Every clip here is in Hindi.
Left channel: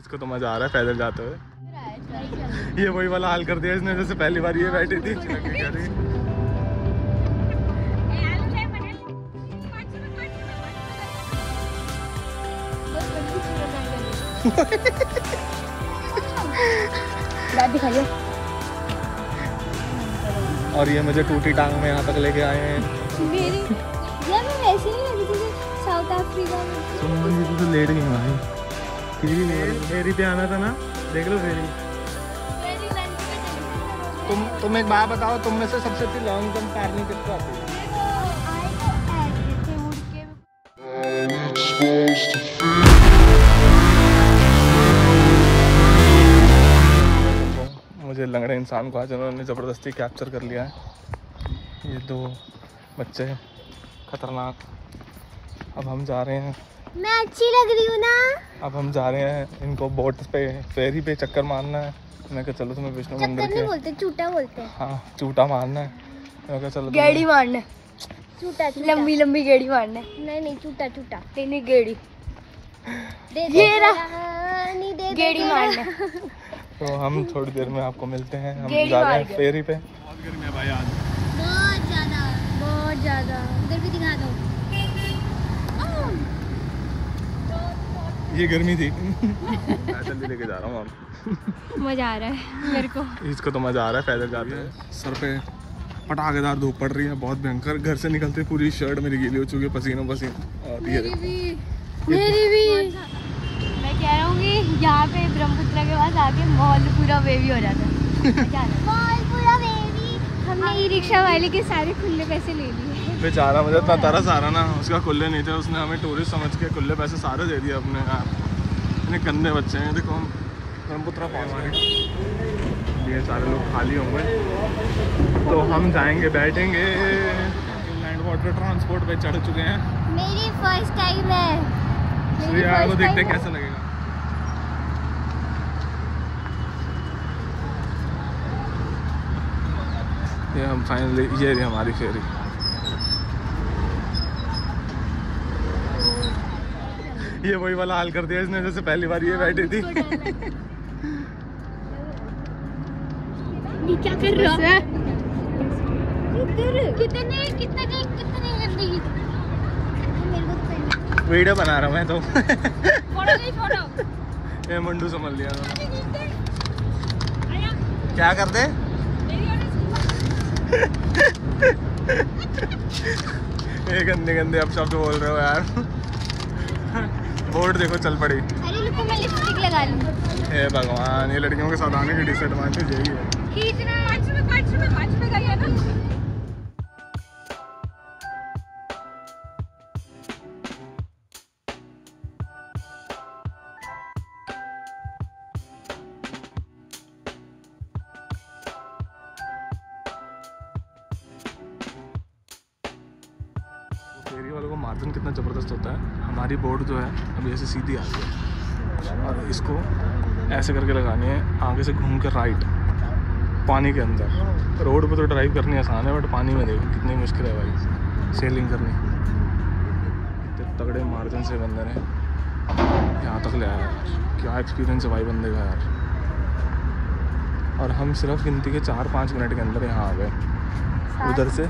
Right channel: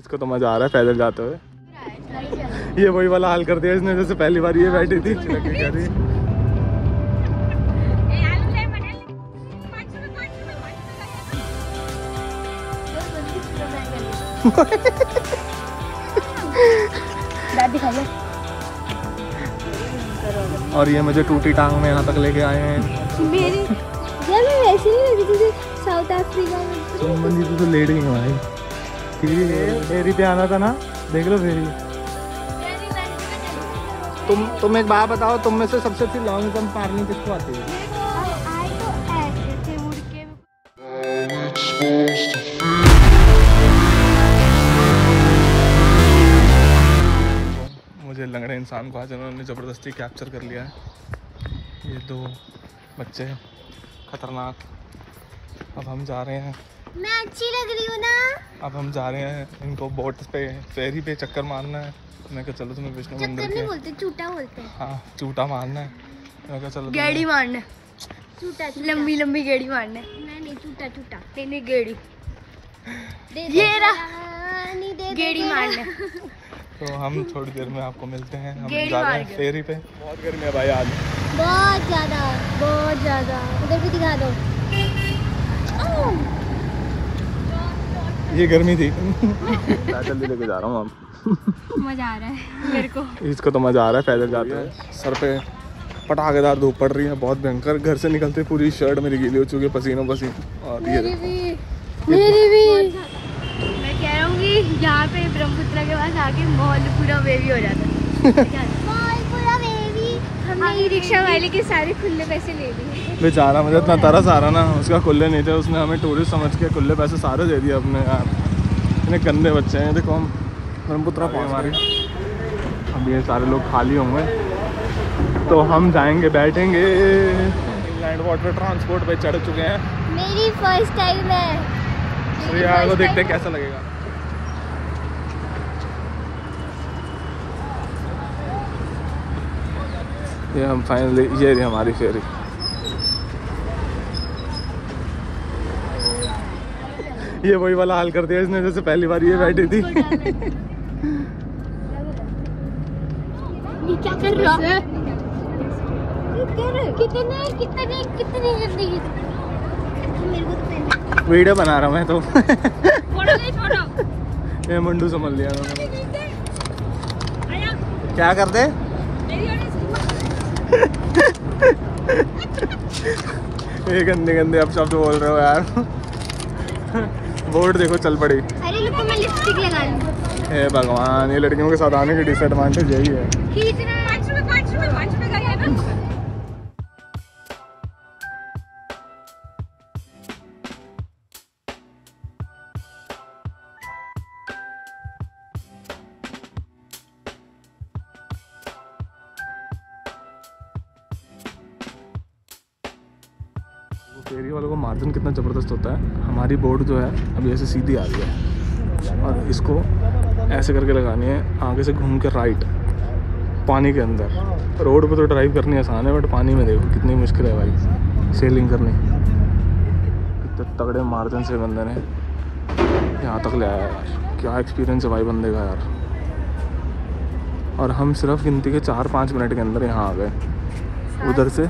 इसको तो मजा आ रहा है पैदल जाते हुए। ये वही वाला हाल कर दिया इसने जैसे पहली बार ये बैठी थी। कह रही और ये मुझे टूटी टांग में यहाँ तक लेके आए हैं। वैसे नहीं लगी थी साउथ अफ्रीका में। तो लेट ही नहीं फेरी पे आना था ना, देख लो फेरी। तुम एक बात बताओ, तुम में से सबसे अच्छी लॉन्ग जंप मारनी किसको आती है? मुझे लंगड़े इंसान को आज उन्होंने ज़बरदस्ती कैप्चर कर लिया है। ये दो बच्चे खतरनाक। अब हम जा रहे हैं। मैं अच्छी लग रही हूँ ना? अब हम जा रहे हैं, इनको बोट पे फेरी पे चक्कर मारना है। मैं कहा चलो तुम्हें विष्णु मंदिर नहीं बोलते, चूटा बोलते हैं। हाँ चूटा मारना है। मैं कहा चलो गेड़ी मारना, चूटा लंबी लंबी गेड़ी मारना। नहीं चूटा नहीं गेड़ी, गेड़ी मारना। तो हम थोड़ी देर में आपको मिलते हैं। हम जा रहे हैं फेरी पे। बहुत गर्मी है भाई आज, बहुत ज्यादा। उधर भी दिखा दो। ये गर्मी थी। पैदल लेके जा रहा हूँ। अब मजा आ रहा है मेरे को। इसको तो मजा आ रहा है पैदल जाते हैं। सर पे पटाखेदार धूप पड़ रही है, बहुत भयंकर। घर से निकलते पूरी शर्ट मेरी गीली हो चुकी है पसीनों पसीन। मेरी भी। मैं कह रहा हूँ कि यहाँ पे ब्रह्मपुत्र के पास आके मॉल पूरा वेवी हो जाता है। मॉल पूरा बेबी। हमने ई रिक्शा वाले के सारे खुले पैसे ले लिए। बेचारा, मुझे इतना तरस आ रहा ना, उसका खुले नहीं थे, उसने हमें टूरिस्ट समझ के खुले पैसे सारे दे दिए अपने। यार इतने गंदे बच्चे हैं। देखो हम ब्रह्मपुत्र पहुँच हमारे, अब ये सारे लोग खाली होंगे तो हम जाएंगे, बैठेंगे। इंग्लैंड वाटर ट्रांसपोर्ट पे चढ़ चुके हैं। मेरी फर्स्ट टाइम है। यार को देखते हैं कैसा लगेगा। ये हम फाइनली, ये रही हमारी फेरी। ये वही वाला हाल कर दिया इसने जैसे पहली बार ये बैठी थी। ये क्या कर रहा है? कितने वीडियो बना रहा मैं तो। ये मुंडू संभल लिया उन्होंने। क्या कर दे? ये गंदे अब शब्द बोल रहे हो यार। बोर्ड देखो चल पड़ी। अरे रुको, मैं लिपस्टिक लगा लूं। हे भगवान, ये लड़कियों के साथ आने की डिसएडवांटेज यही है। खींचना 5 रुपए का है ना। फेरी वालों को मार्जिन कितना ज़बरदस्त होता है। हमारी बोट जो है अभी ऐसे सीधी आ रही है और इसको ऐसे करके लगानी है, आगे से घूम के राइट पानी के अंदर। रोड पे तो ड्राइव करनी आसान है, बट पानी में देखो कितनी मुश्किल है भाई सेलिंग करनी। इतने तगड़े मार्जिन से बंदे ने यहाँ तक ले आया यार। क्या एक्सपीरियंस है भाई बंदे का यार। और हम सिर्फ गिनती के 4-5 मिनट के अंदर यहाँ आ गए। उधर से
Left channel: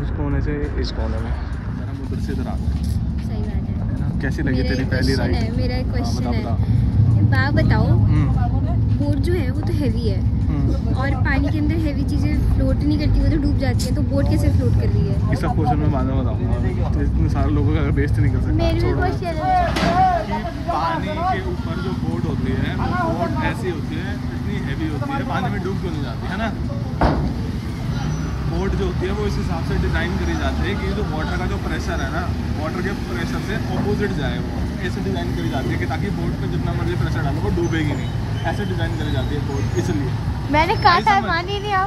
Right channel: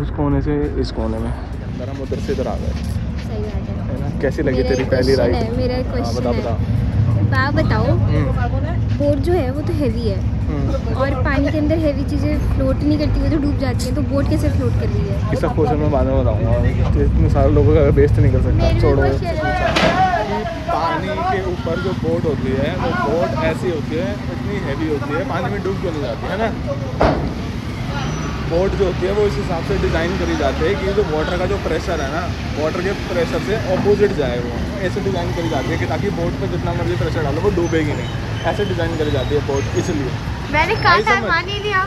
उस कोने से इस कोने में अंदर, हम उधर से इधर आ गए। सही बात है ना? कैसी लगी तेरी पहली राइड? हाँ बता। बताओ। बोट जो है वो तो हैवी है और पानी के अंदर हैवी चीजें फ्लोट नहीं करती, वो तो डूब जाती है, तो बोट कैसे फ्लोट कर रही है? इसका क्वेश्चन मैं बाद में बताऊंगा। इतने सारे लोगों का बेस्ट नहीं कर सकता। छोड़ो। कि पानी के ऊपर जो बोट होती है वो बोट ऐसी होती है, इतनी हैवी होती है, पानी में डूब क्यों नहीं जाती है ना? बोट जो होती है वो इस हिसाब से डिज़ाइन करी जाती है कि जो वाटर का जो प्रेशर है ना, वाटर के प्रेशर से ऑपोजिट जाए। वो ऐसे डिज़ाइन करी जाती है कि ताकि बोट पे जितना मर्जी प्रेशर डालो वो डूबेगी नहीं। ऐसे डिज़ाइन करी जाती है बोट, इसलिए। मैंने कहा था, मान ही लिया।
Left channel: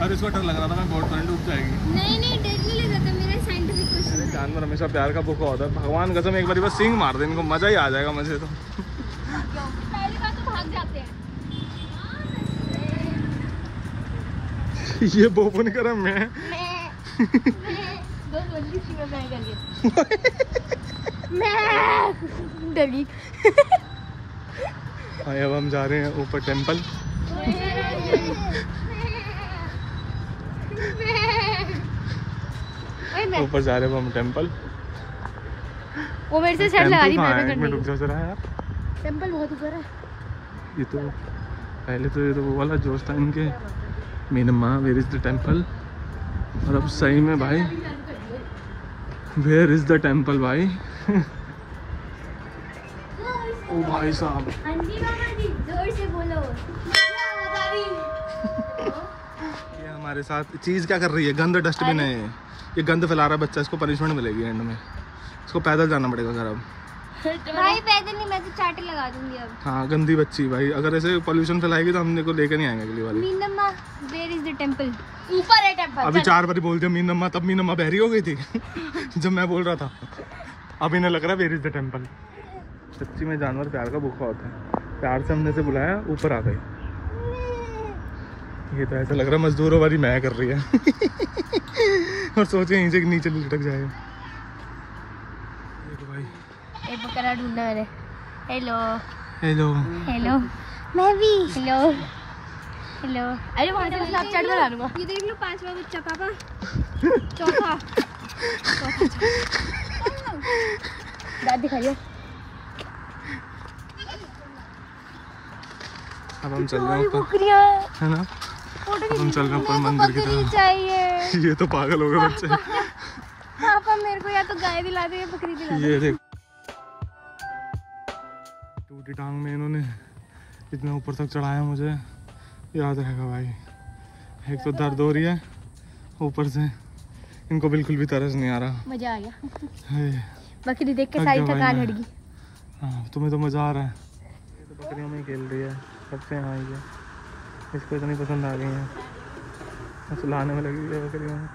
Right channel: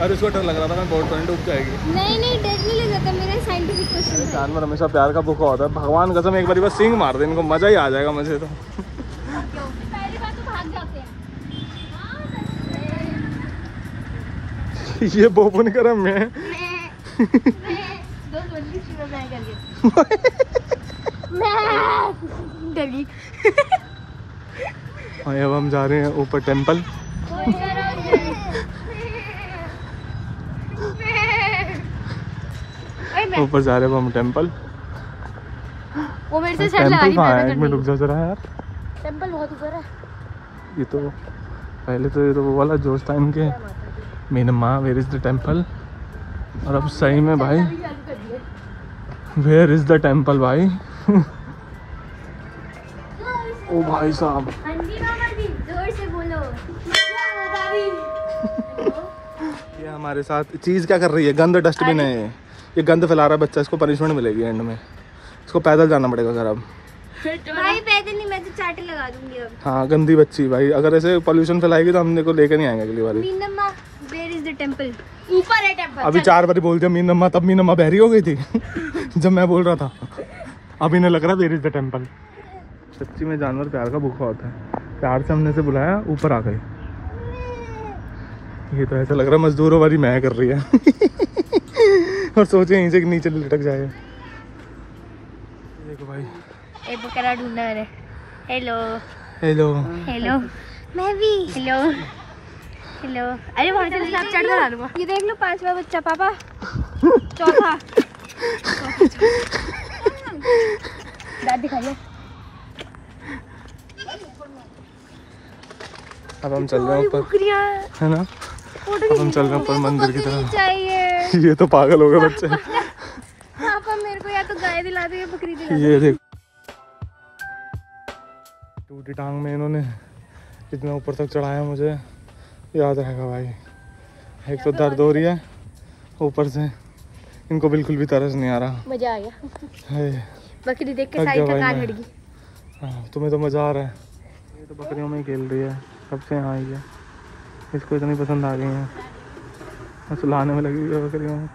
और इसको डर लग रहा था मैं बोट पर डूब जाएगी। नहीं डर नहीं लगा था, मेरा साइंटिफिक क्वेश्चन। जानवर हमेशा प्यार का भूखा होता है। भगवान कसम एक बार बस सींग मार दे इनको, मज़ा ही आ जाएगा मुझे तो। पहली बात तो भाग जाते हैं। ये बोबू नहीं करा मैं मैं डरी। और अब हम जा रहे हैं ऊपर टेंपल। ऊपर जा रहे हैं हम टेंपल। वो मेरे से शर्ट लगा रही है। मैं रुक जा जरा यार, टेंपल बहुत ऊपर है। ये तो पहले तो ये तो वो वाला जोश टाइम के मेरे माँ वेयर इज द टेंपल, और अब सही में भाई वेयर इज द टेंपल भाई। ओ भाई साहब, जोर से बोलो। ये हमारे साथ चीज़ क्या कर रही है, गंद डस्टबिन है ये गंद फैला रहा है बच्चा, इसको पनिशमेंट मिलेगी एंड में, इसको पैदल जाना पड़ेगा घर अब। भाई पैदल नहीं, मैं तो चाटे लगा दूंगी अब। हाँ गंदी बच्ची भाई, अगर ऐसे पोल्यूशन फैलाएगी तो हम को लेकर नहीं आएंगे अगली बार। मीनम्मा, वेयर इज द टेंपल? ऊपर है टेंपल। अभी 4 बार बोल दिया मीनम्मा, तब मीनम्मा बहरी हो गई थी जब मैं बोल रहा था। अब इन्हें लग रहा है वेयर इज द टेंपल। सच्ची में जानवर प्यार का भूखा होता है, प्यार से हमने से बुलाया, ऊपर आ गई। ये तो ऐसा लग रहा है मजदूरों वाली मैं कर रही है और सोचे यहीं से नीचे लटक जाए। देखो भाई, एक बकरा ढूंढा है। हेलो हेलो हेलो, मैं भी हेलो हेलो। अरे वहाँ से स्नैपचैट बना लूँगा। ये देख लो 5वां बच्चा पापा, चौथा दाद दिखाइए। अब हम चल रहे हैं ऊपर, है ना, अब हम चल रहे हैं ऊपर मंदिर की तरफ। चाहिए ये तो पागल हो गए बच्चे। पापा मेरे को या तो गाय दिला दो या बकरी दिला दो। ये देख, टूटी टांग में इन्होंने इतना ऊपर तक चढ़ाया, मुझे याद रहेगा भाई। एक तो दर्द हो रही है, ऊपर से इनको बिल्कुल भी तरस नहीं आ रहा। मजा आ गया, है बकरी देख के साइड का कान हट गई। हाँ तुम्हें तो मजा आ रहा है। ये तो बकरियों में ही खेल रही है, कब से यहाँ आई है, इसको इतनी पसंद आ गई है, बस लाने में लगी हुई है बकरियों में।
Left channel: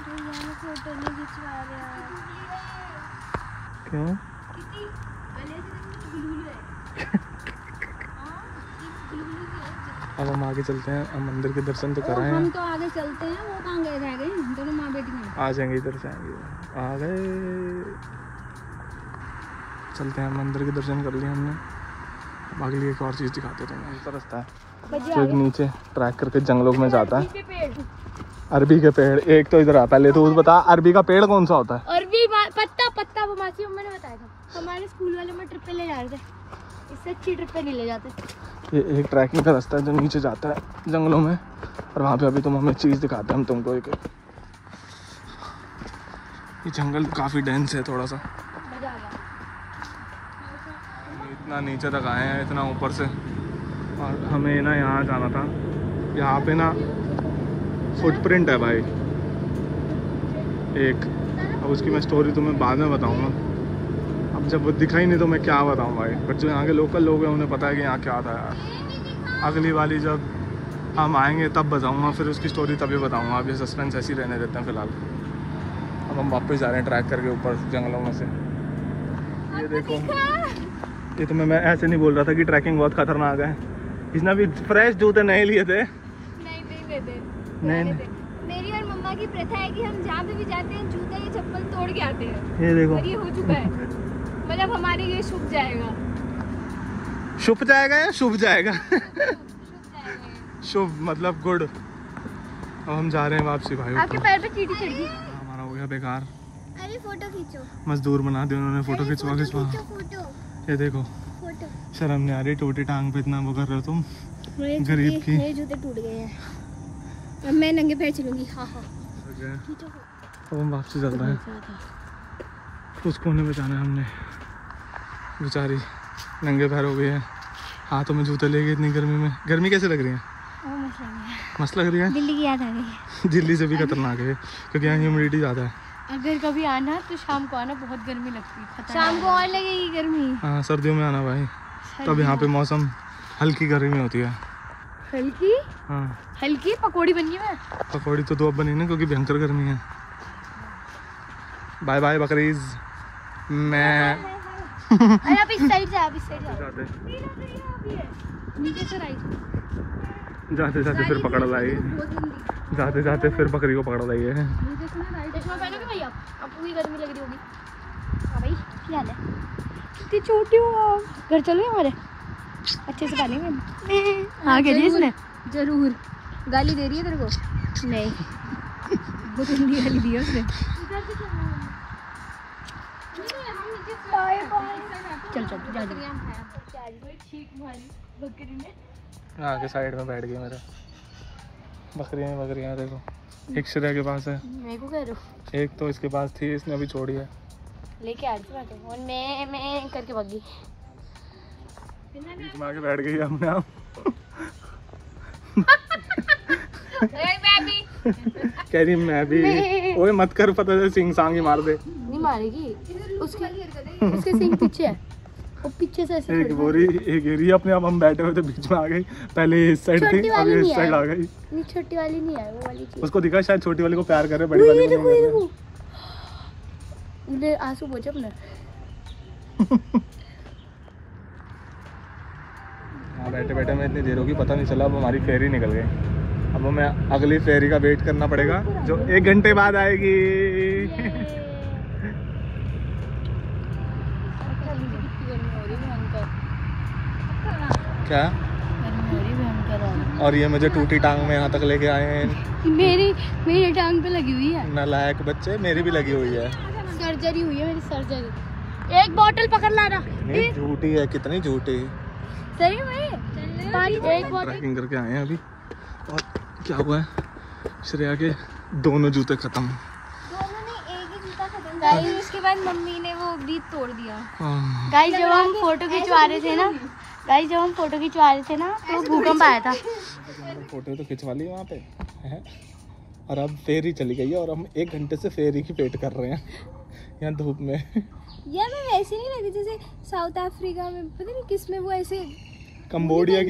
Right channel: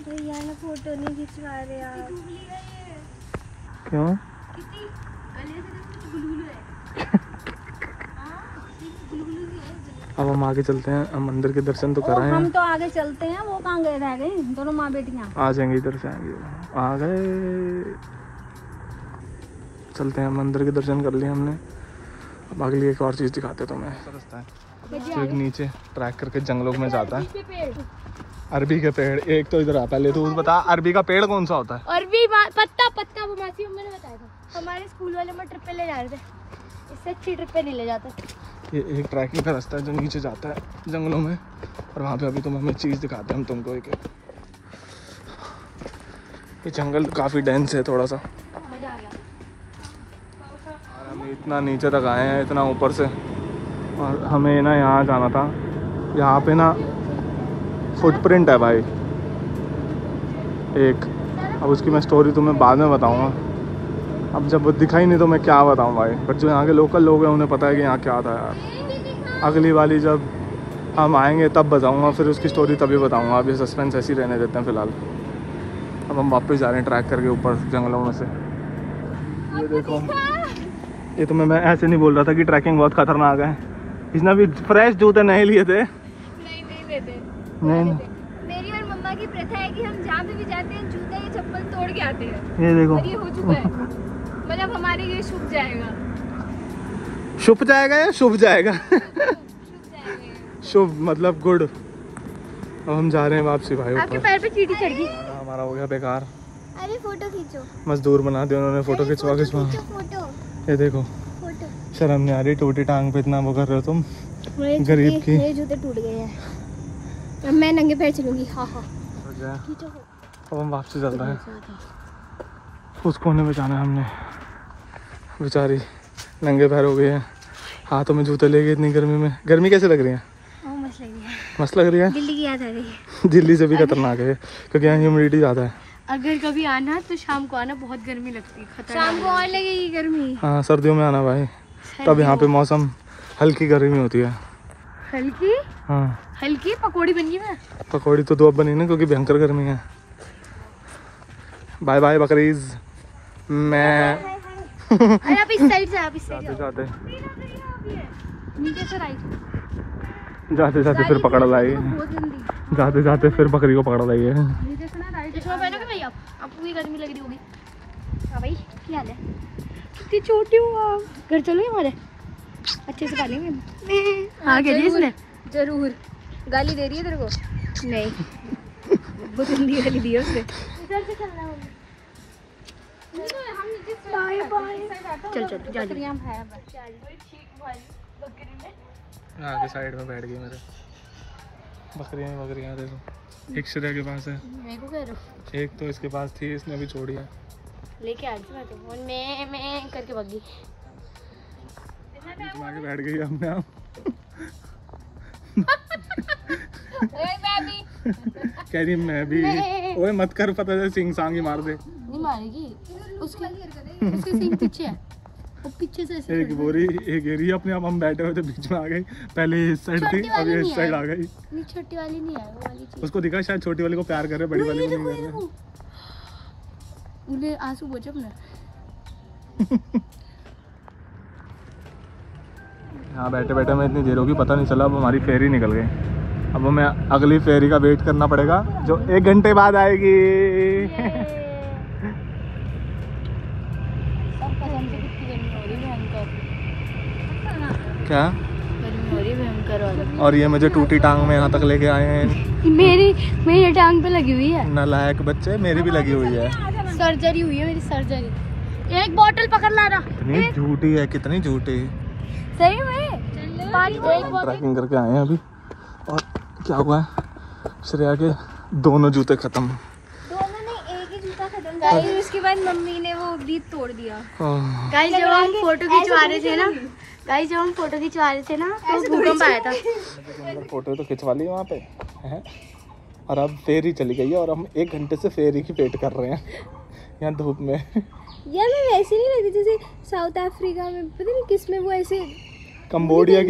भैया फोटो नहीं खिंचवा रहे यार। क्यों? अब हम आगे चलते हैं, हम मंदिर के दर्शन तो कर रहे हैं। हम तो आगे चलते हैं, वो कहाँ गए रह गए दोनों माँ बेटियाँ? आ जाएंगे, इधर से आएंगे, आ गए। चलते हैं, मंदिर के दर्शन कर लिए हमने। बाकी लिए एक और चीज़ दिखाते हैं तुम्हें। रास्ता है एक नीचे ट्रैक करके जंगलों में जाता है। अरबी के पेड़, एक तो इधर आ। पहले तो बता, अरबी का पेड़ कौन सा होता है? अरबी पत्ता वो मासी अम्मा ने बताया था, हमारे स्कूल वाले में ट्रिप पे ले जा रहे थे, इससे अच्छी ट्रिप पे नहीं ले जाते। ये एक ट्रैकिंग का रास्ता है जो नीचे जाता है जंगलों में, और वहाँ पे अभी तुम हमें चीज़ दिखाते हैं हम तुमको। एक ये जंगल काफ़ी डेंस है थोड़ा सा। हम इतना नीचे तक आए हैं, इतना ऊपर से, और हमें ना यहाँ जाना था। यहाँ पे ना फुटप्रिंट है भाई एक, अब उसकी मैं स्टोरी तुम्हें बाद में बताऊँगा। अब जब वो दिखा ही नहीं तो मैं क्या बताऊँ भाई, बट जो यहाँ के लोकल लोग हैं उन्हें पता है कि यहाँ क्या था यार। अगली वाली जब हम आएंगे तब बताऊँगा, फिर उसकी स्टोरी तभी बताऊँगा। अब ये सस्पेंस ऐसे ही रहने देते हैं फ़िलहाल। अब हम वापस जा रहे हैं ट्रैक करके ऊपर जंगलों में से। ये देखो, ये तुम्हें मैं ऐसे नहीं बोल रहा था कि ट्रैकिंग बहुत खतरनाक है। इसने भी फ्रेश जूते नहीं लिए थे। नहीं लेते। नहीं। मेरी और मम्मा की प्रथा है कि हम जहाँ पे भी जाते हैं जूते या चप्पल तोड़ के आते हैं। ये देखो, और ये हो चुका है, मतलब हमारे ये शुभ जाएगा। शुभ जाएगा या शुभ जाएगा? शुभ मतलब गुड। अब हम जा रहे हैं वापसी भाई। आपके पैर पे चींटी चढ़ गई। हमारा हो गया बेकार। अरे फोटो खींचो। मजदूर बना दिया उन्होंने, फोटो खिंचवा। फोटो ये देखो, शर्म नहीं आ रही, टूटी टांग पे इतना वो कर रहे हो तुम, गरीब की। मेरे जूते टूट गए हैं, अब मैं नंगे पैर चलूंगी। हाँ अब हम वापसी चल रहे हैं। उस कोने में जाना है हमने, बेचारी नंगे पैर हो गए हैं, हाथों में जूते ले गए इतनी गर्मी में। गर्मी कैसे लग रही है? मस्त लग रही है। दिल्ली की याद आ गई। दिल्ली से भी खतरनाक है क्योंकि यहाँ ह्यूमिडिटी ज़्यादा है। अगर कभी आना तो शाम को आना, बहुत गर्मी लगती है। शाम को और लगेगी गर्मी। हाँ सर्दियों में आना भाई, तब यहाँ पे मौसम हल्की गर्मी होती है। हल्की? हाँ हल्की पकौड़ी बनी है। पकौड़ी तो दो अब बनी ना, क्योंकि भयंकर गर्मी है। बाय बाय बकरीज। मैं अरे आप इस साइड से, आप इस साइड जाते नीचे से राइट। जाते जाते फिर पकड़ लाई, जाते जाते फिर बकरी को पकड़ लाई है। चश्मा पहनोगे भाई आप? आपको भी गर्मी लग रही होगी। हाँ भाई, क्या हाल है? कितनी छोटी हूँ आप। घर चलो हमारे, अच्छे से पालेंगे। हाँ कह रही इसने जरूर। गाली दे रही है तेरे को? नहीं, बहुत गंदी गाली दी है उसने। चल चल जा यहाँ के साइड में बैठ गई मेरे। बकरियाँ देखो, एक श्रेया के पास है, मेरे को कह रहे हो? एक तो इसके पास थी, इसने अभी छोड़ी है। लेके आ रही थी मैं तो, और मैं करके भाग गई। बीच में आके बैठ गई अपने आप। कह रही मैं भी। ओए मत कर, पता है सिंग सांग ही मार दे। नहीं मारेगी, उसके सिंग पीछे है, और पीछे से ऐसे एक बोरी एक एरिया अपने आप, हम बैठे हुए थे बीच में आ गई। पहले इस साइड थी, अभी इस साइड आ गई। नहीं छोटी वाली नहीं है, वो वाली चीज। उसको दिखा शायद छोटी वाली को प्यार करे, बड़ी वाली को नहीं करे। ले आंसू पोंछ अपना। यहाँ बैठे बैठे मैं इतनी देर होगी पता नहीं चला, अब हमारी फेरी निकल गई। अब हमें अगली फेरी का वेट करना पड़ेगा जो 1 घंटे बाद आएगी। क्या? और ये मुझे टूटी टांग में यहाँ तक लेके आए हैं। मेरी टांग पे लगी हुई है। नालायक बच्चे, मेरी भी लगी हुई है। सर्जरी हुई है मेरी, सर्जरी। एक बोतल पकड़ ला रहा। कितनी झूठी है, कितनी झूठी है। सही में एक बोतल। ट्रैकिंग करके आए हैं अभी, और क्या हुआ है, श्रेया के दोनों जूते खत्म। दोनों नहीं, एक ही जूता खत्म। गाइस उसके बाद मम्मी ने वो ब्रीथ तोड़ दिया। गाइस जब हम फोटो खिंचवा रहे थे ना, तो भूकंप आया था। फोटो तो खिंचवा ली वहाँ पे है, और अब फेरी चली गई है और हम 1 घंटे से फेरी की वेट कर रहे हैं यहाँ धूप में। यार मैं वैसे नहीं लगी जैसे साउथ अफ्रीका में, पता नहीं किस में वो ऐसे कंबोडिया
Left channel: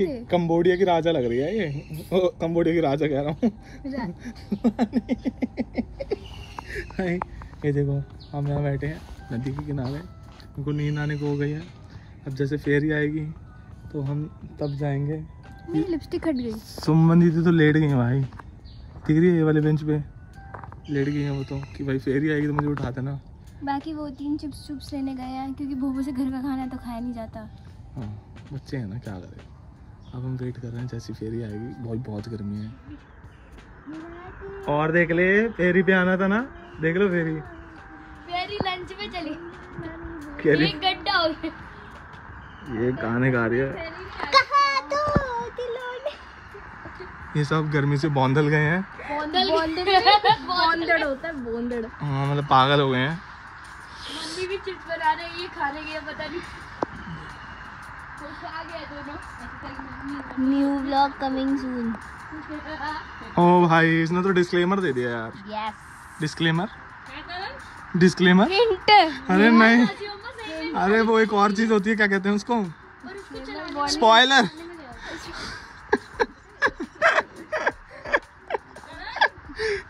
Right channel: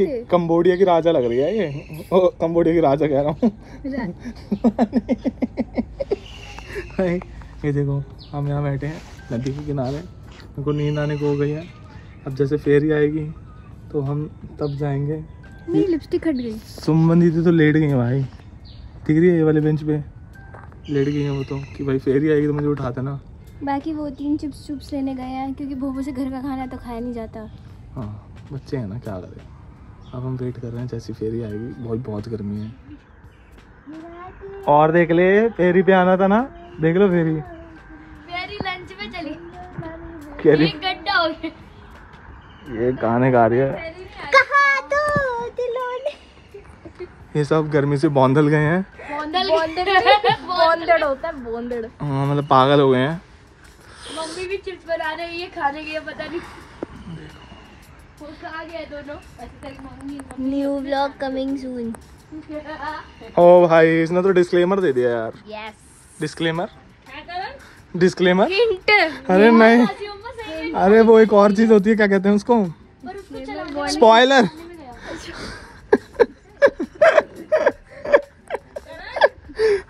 की राजा लग रही है ये। ओ, कंबोडिया की राजा कह रहा हूँ। ये देखो हम यहाँ बैठे हैं नदी के किनारे, मेरे को नींद आने को हो गई है। अब जैसे फेरी आएगी तो हम तब जाएंगे। मेरी लिपस्टिक हट गई। सुमन दीदी तो लेट गई है भाई, दिख रही है ये वाले बेंच पे लेट गई है वो तो, कि भाई फेरी आएगी तो मुझे उठा देना। बाकी वो 3 चिप्स लेने गए हैं क्योंकि भूखों से घर का खाना तो खाया नहीं जाता। हाँ बच्चे हैं ना, क्या करें। अब हम वेट कर रहे हैं जैसी फेरी आएगी, बहुत गर्मी है। और देख ले, फेरी पे आना था ना, देख लो फेरी लंच में चली। एक गड्ढा हो गया। ये गाने गा रही है। कहाँ तो दिलों ये सब गर्मी से बौंदल गए हैं। बोंदड़ होता है, बोंदड़। हाँ मतलब पागल हो गए हैं। मम्मी भी चिप्स बना रही है, खाने के लिए पता नहीं आ गए दोनों। New vlog coming soon. ओ भाई इसने तो डिस्क्लेमर दे दिया यार। Yes disclaimer. अरे नहीं, अरे वो एक और चीज होती है, क्या कहते हैं उसको, स्पॉइलर।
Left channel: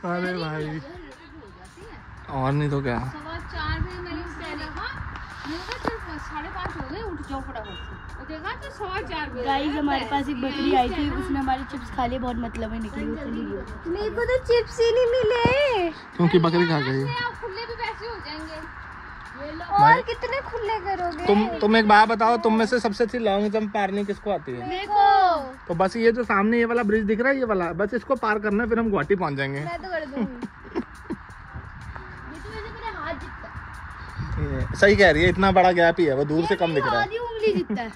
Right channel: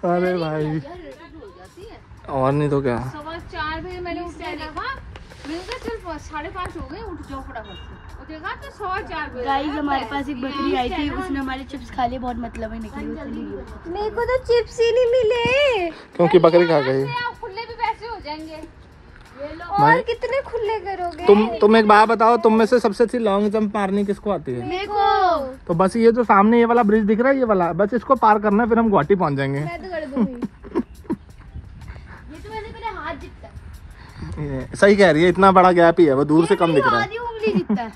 अरे भाई और नहीं तो क्या। 4 बजे मैंने देखा, 5:30 हो गए, उठ जाओ फटाफट से। देखा तो 4:15 बजे। गाइस हमारे पास एक बकरी आई थी, उसने हमारे चिप्स खा लिए, बहुत मतलब है निकली, वो चली गई। मेरे को तो चिप्स ही नहीं मिले क्योंकि बकरी खा गई। और कितने खुले करोगे? तुम एक बात बताओ, तुम में से सबसे अच्छी लॉन्ग जंप मारने किसको आती है? देखो तो बस ये जो सामने ये वाला ब्रिज दिख रहा है, ये वाला बस इसको पार करना है, फिर हम गुवाहाटी पहुंच जाएंगे। मैं तो कर दूंगी। सही कह रही है, इतना बड़ा गैप ही है, वो दूर से कम दिख रहा है। आधी उंगली जितना है।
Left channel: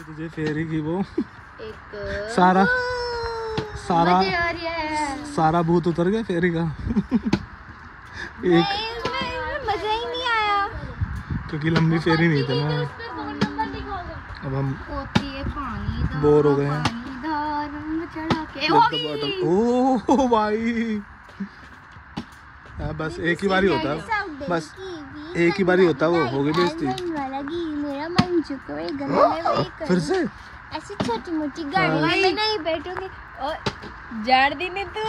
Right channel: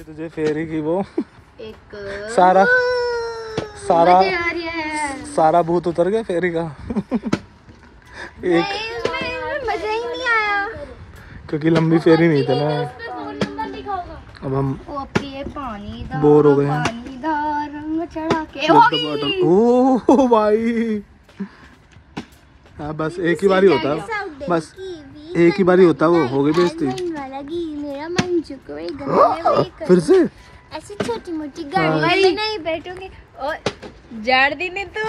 तुझे फेरी की वो एक सारा भूत उतर गया फेरी का। एक मजा ही नहीं आया क्योंकि लंबी फेरी नहीं थी ना। अब हम बोर हो गए हैं। ओह भाई बस एक ही बारी होता है, बस एक ही बारी होता है, वो हो गई बेइज्जती। फिर से ऐसी छोटी मोटी गाड़ी में नहीं बैठूंगी। और झाड़ दी नहीं तो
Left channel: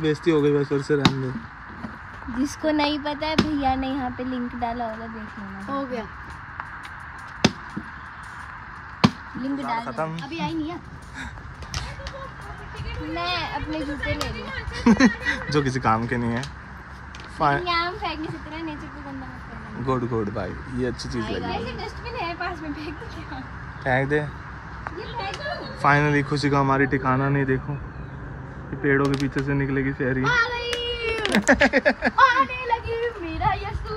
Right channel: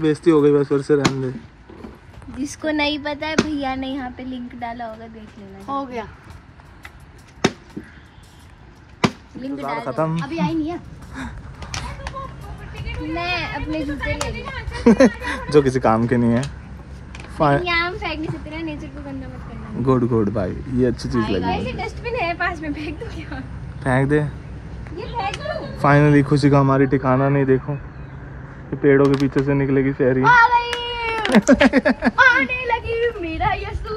बेइज्जती हो गई, बस फिर से रहने दे। जिसको नहीं पता है भैया ने यहाँ पे लिंक डाला होगा, देख लेना। हो गया लिंक डाल खत्म। अभी आई नहीं है। मैं अपने जूते ले लूं जो किसी काम के नहीं है। यहाँ फेंकने से तेरा नेचर को गंदा गुड गुड भाई, ये अच्छी चीज लगी। डस्टबिन है पास में, फेंक दो क्या? फेंक दे। ये फेंक दो। फाइनली खुशी का हमारी ठिकाना नहीं, देखो ये पेड़ों के पीछे से निकलेगी फेरी। आ गई। आने लगी मेरा यसू।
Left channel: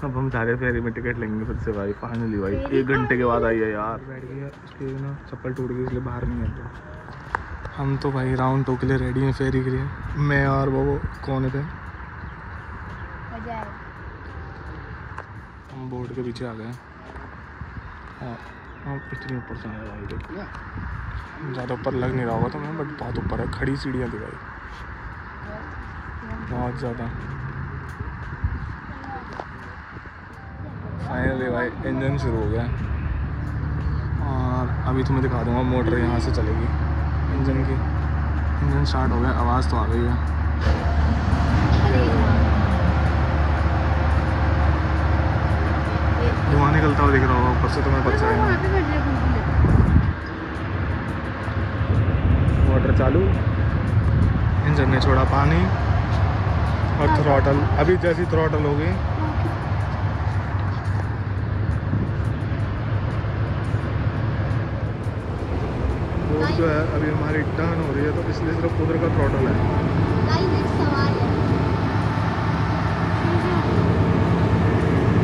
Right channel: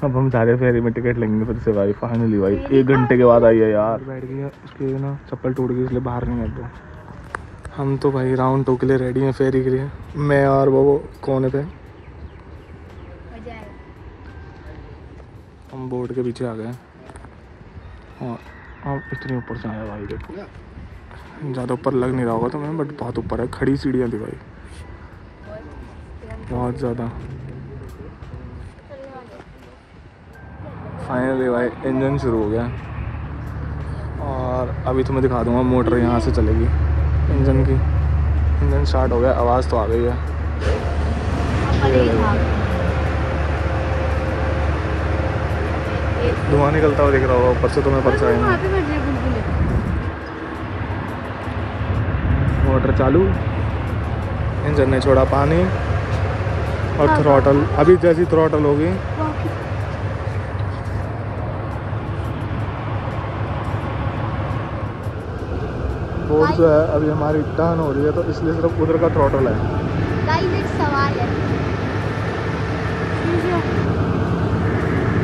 अब हम सारे फेरी में टिकट लेंगे फिर से भाई। फाइनली भाई 1 घंटे के बाद आई है यार। बैठ गई है, उसके ना चप्पल टूट गई इसलिए बाहर नहीं आता। हम तो भाई राउंड 2 के लिए रेडी हैं फेरी के लिए। मैं और वो कोने पे हम बोर्ड के पीछे आ गए। और अब इतनी ऊपर से आया भाई, देखो ज़्यादा ऊपर लग नहीं रहा होगा तुम्हें, बट बहुत ऊपर है। खड़ी सीढ़ियाँ दिखाई बहुत ज़्यादा। फाइनली भाई इंजन शुरू हो गया और अभी तुम्हें दिखा दूंगा। मोटर यहाँ से चलेगी इंजन की। इंजन स्टार्ट हो गया, आवाज़ तो आ गई है। धुआं निकलता हुआ दिख रहा होगा ऊपर से तुम्हें, परछाई में। मोटर चालू, इंजन ने छोड़ा पानी और थ्रॉटल। अभी जैसी थ्रॉटल होगी बोर्ड जो है अभी हमारी टर्न हो रही है, तो इसलिए सिर्फ उधर का थ्रॉटल है।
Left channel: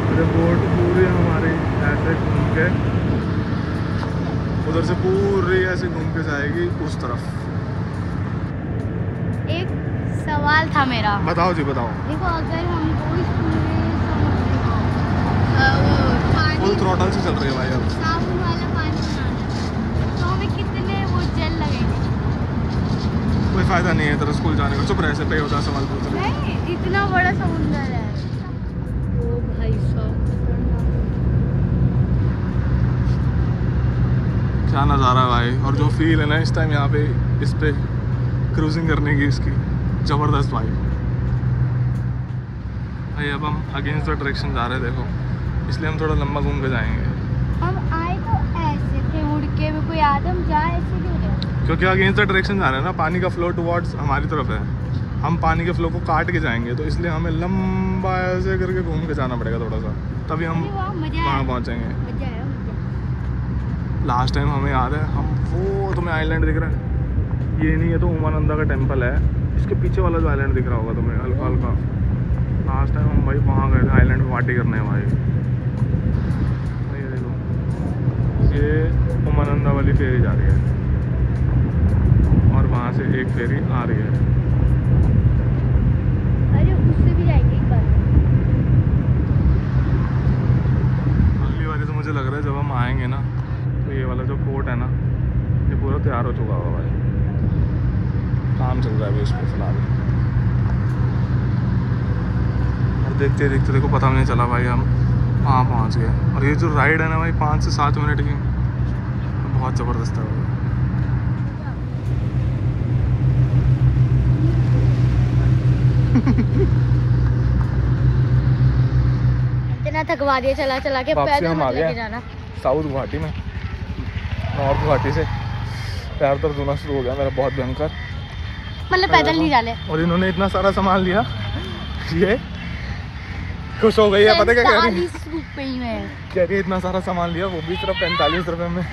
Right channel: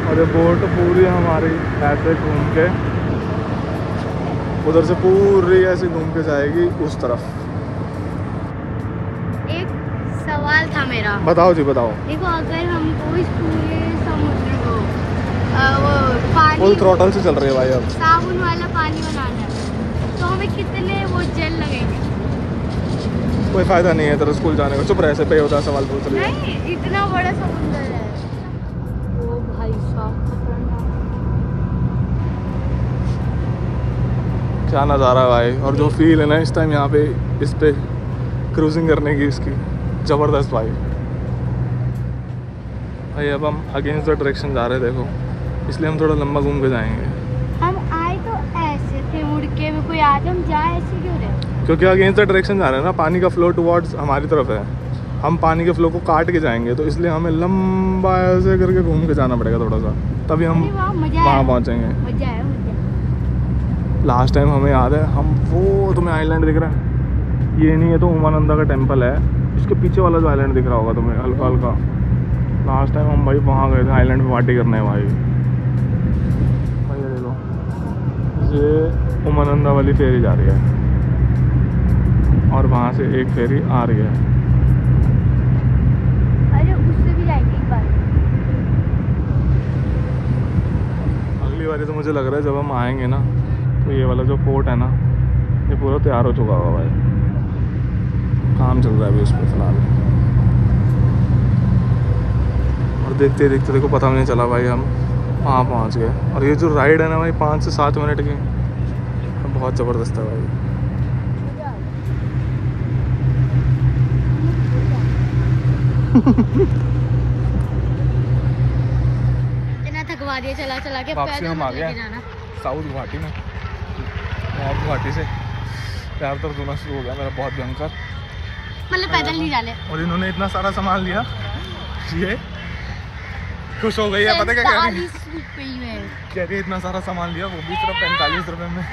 और ये बोर्ड पूरी हमारी ऐसे घूम के उधर से पूरी ऐसे घूम के जाएगी उस तरफ। एक सवाल था मेरा। बताओ जी बताओ। देखो अगर हमको इस पूरे समुद्र को वो पानी फुल थ्रॉटल से चल रही है भाई अब। साबुन वाला पानी बनाना है तो हमें कितने वो जेल लगेंगे? कोई फायदा नहीं है तेरे स्कूल जाने का। चुप रहे, ऐसे पे होता है सवाल पूछ रही है। नहीं, इतना बड़ा समुद्र है। ओ भाई साहब खतरनाक। क्या नज़ारा है भाई। और जो फील है ना इस टाइम यहाँ पे इस पे क्रूजिंग करने की, इसकी ज़बरदस्त भाई। भाई अब हम अगेंस्ट द डायरेक्शन जा रहे हैं, देखो इसलिए हम थोड़ा लंबा घूम के जाएंगे। हम आए तो ऐसे थे मुड़ के, में कोई आदम जाए ऐसे क्यों रहे? क्योंकि अगेंस्ट द डायरेक्शन जा रहे हैं ना, पानी का फ्लो टुवर्ड्स हमारी तरफ है। हम पानी के फ्लो को काट के जाएंगे, तो इसलिए हमें लंबा ऐसे करके घूम के जाना पड़ेगा थोड़ा सा, तभी हम वहाँ पहुँचेंगे। मजा आया। लास्ट टाइम हमें याद है, हम वो तुम्हें आइलैंड दिख रहा है, ये नहीं है तो उमानंदा का टेम्पल है, इसके पीछे वाला जो आइलैंड दिख रहा होगा तुम्हें हल्का हल्का। लास्ट टाइम हम भाई वहाँ गए थे आइलैंड पे पार्टी करने भाई। भाई ये देखो, ये उमानंदा वाली फेरी जा रही है और वहाँ से एक फेरी आ रही है। अरे उससे भी जाएंगे एक बार। अगली बार तो मुझे लग रहा है जब हम आएंगे ना, तो ये वाला जो फोर्ट है ना, ये पूरा तैयार हो चुका होगा भाई। काम चल रहा है अभी उस पर फिलहाल। और देखते देखते देखो पता नहीं चला भाई, हम वहाँ पहुँच गए। और ये जो राइड है ना भाई 5 से 7 मिनट की, बहुत ज़बरदस्त है भाई। इतना थकवा दिया चला चला के, पैदल मत लेके जाना। साउथ गुवाहाटी में, नॉर्थ गुवाहाटी से पैर दर्द होना शुरू हो गया मेरा बहुत भयंकर। मतलब पैदल नहीं जाने। और इन्होंने इतना सारा सामान लिया, ये खुश हो गई है। पता क्या कह रही है? 45 रुपए में कह रही है इतना सारा सामान लिया, वो भी सिर्फ 45 रुपए में।